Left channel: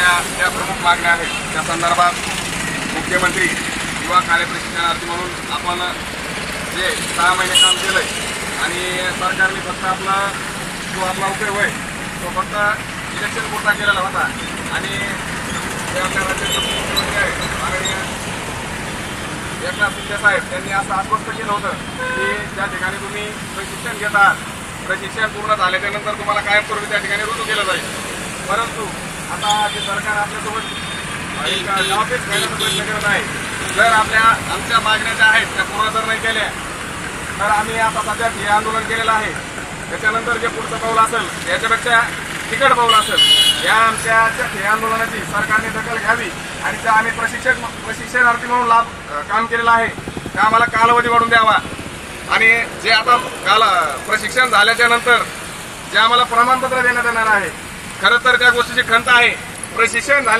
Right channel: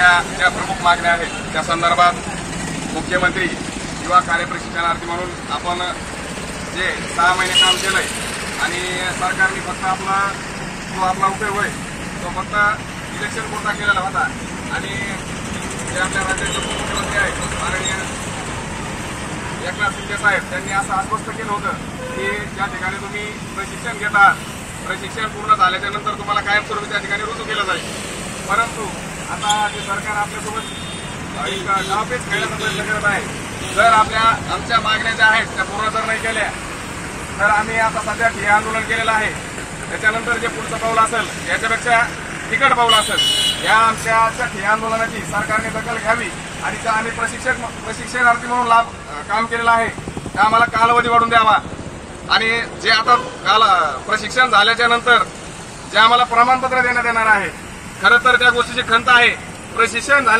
आपल्या ज्या प्रमुख मागण्या आहेत त्या संदर्भात मुख्यमंत्री युवा कार्य प्रशिक्षणार्थी म्हणून आपण जे 6 महिने काम केलंय आणि सरकारने फक्त आपला उपयोग होय तो फक्त इलेक्शन पुरता केलेला होता आणि जे आपल्या राज्याचे उपमुख्यमंत्री आहेत माननीय एकनाथ शिंदे साहेब यांनी असं आश्वस्त केलं होतं की ज्या ठिकाणी तुम्ही प्रशिक्षण घेता प्रशिक्षण पूर्ण झाल्याच्या नंतर तुम्हाला कायमस्वरूपी त्या ठिकाणी रुजू केलं जाईल। परंतु आता जे सरकार आपल्यासोबत डावपेच करण्याचा प्रयत्न करत आहे। जर आमच्या मागण्या ज्या आहेत त्या पूर्ण जर नाही केल्या तर आम्ही आता सध्या हे आंदोलन केलेलं आहे। त्याच्यानंतर जे पुढचं पाऊल असेल याच्यापेक्षा तिकट पाऊल असेल या आमच्या हे आंदोलनाची सरकारने दखल घ्यावी आणि त्या आम्ही प्रशिक्षणार्थी म्हणून काम केलेलं आहे त्या आम्हाला कालावधी वाढून द्यावा आणि जे आता प्रशिक्षण झाल्याच्या नंतर जे आम्हाला प्रमाणपत्र देण्यात येणार आहे खरं तर त्या गोष्टीची खंत आहे। प्रशिक्षण झाल्या